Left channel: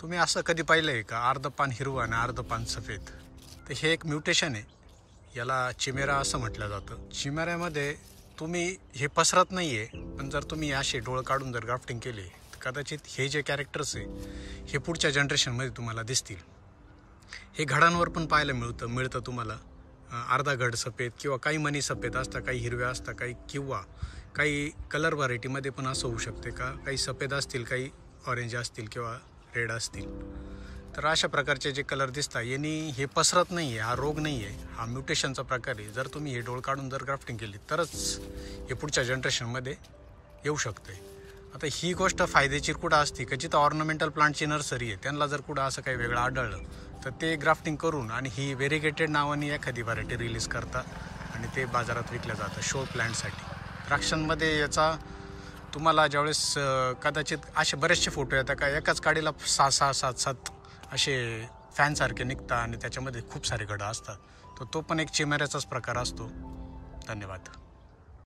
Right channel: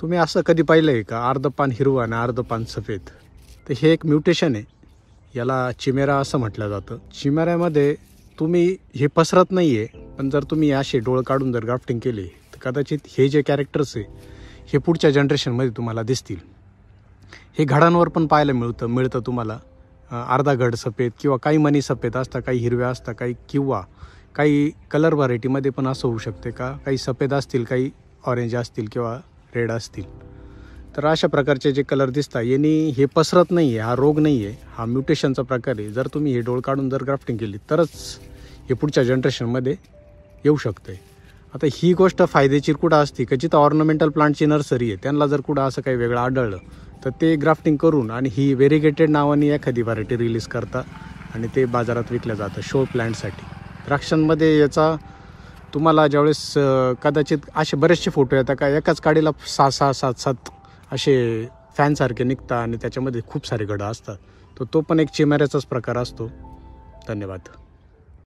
तुम्ही असं कधी पाहिलं आहे का, अर्ध पान हिरवं आणि अर्ध पान सफेद? तर हे एक म्युटेशन आहे, याला चिमेरा असं म्हटलं जातं. चिमेऱ्यामध्ये तुम्ही हे पसरत नाही आहे, पण जर तुम्ही असे डोळे काढून जर ग्राफ्टिंग केली तर कदाचित हे जे कॅरेक्टर्स आहे हे पुढच्या जनरेशनमध्ये तुम्हाला दिसतील. हे घडांवर पण पाहायला मिळतं तुम्हाला. अर्धा घड सफेद किंवा काही मनी सफेद असतात, काही हिरव्या असतात, किंवा काही कलर व्हरायटीमध्ये पण असं होऊ शकते का, काही सफेद असतील, काही ऑरेंज असतील किंवा रेड असतील. तर अशा प्रकारचे जे कलर दिसतात यांनी हे पसरत नाही आहे, हा रोग नाही आहे, हा म्युटेशनचा प्रकार आहे. जर तुम्ही हे डोळ काढून जर ग्राफ्टिंग केली तरच हे पुढच्या जनरेशनमध्ये येऊ शकते. आता ही गोष्ट फायद्याची कुठं असते का, जिथं ऑर्नामेंटल प्लांटची नर्सरी आहे त्यांना जर कुठं असं काही वेगळं आढळलं तर ते ग्राफ्टिंग करून आणि ही व्हेरिगेटेड नावाने एखादी व्हरायटी रिलीज करतात आणि ते बाजारात विकलं जातं शो प्लांटसाठी. द्राक्षांमध्ये याचा तुम्हाला ज्यावेळेस कदाचित असे बरेचसे फोटो येतात का, एकाच काडीला 6-6, 7-7 असे फॅनसारखे निघतात आणि त्याच्यामध्ये खूप सारे घडं असतात. तो पण एक चिमेऱ्याचाच प्रकार असतो. धन्यवाद.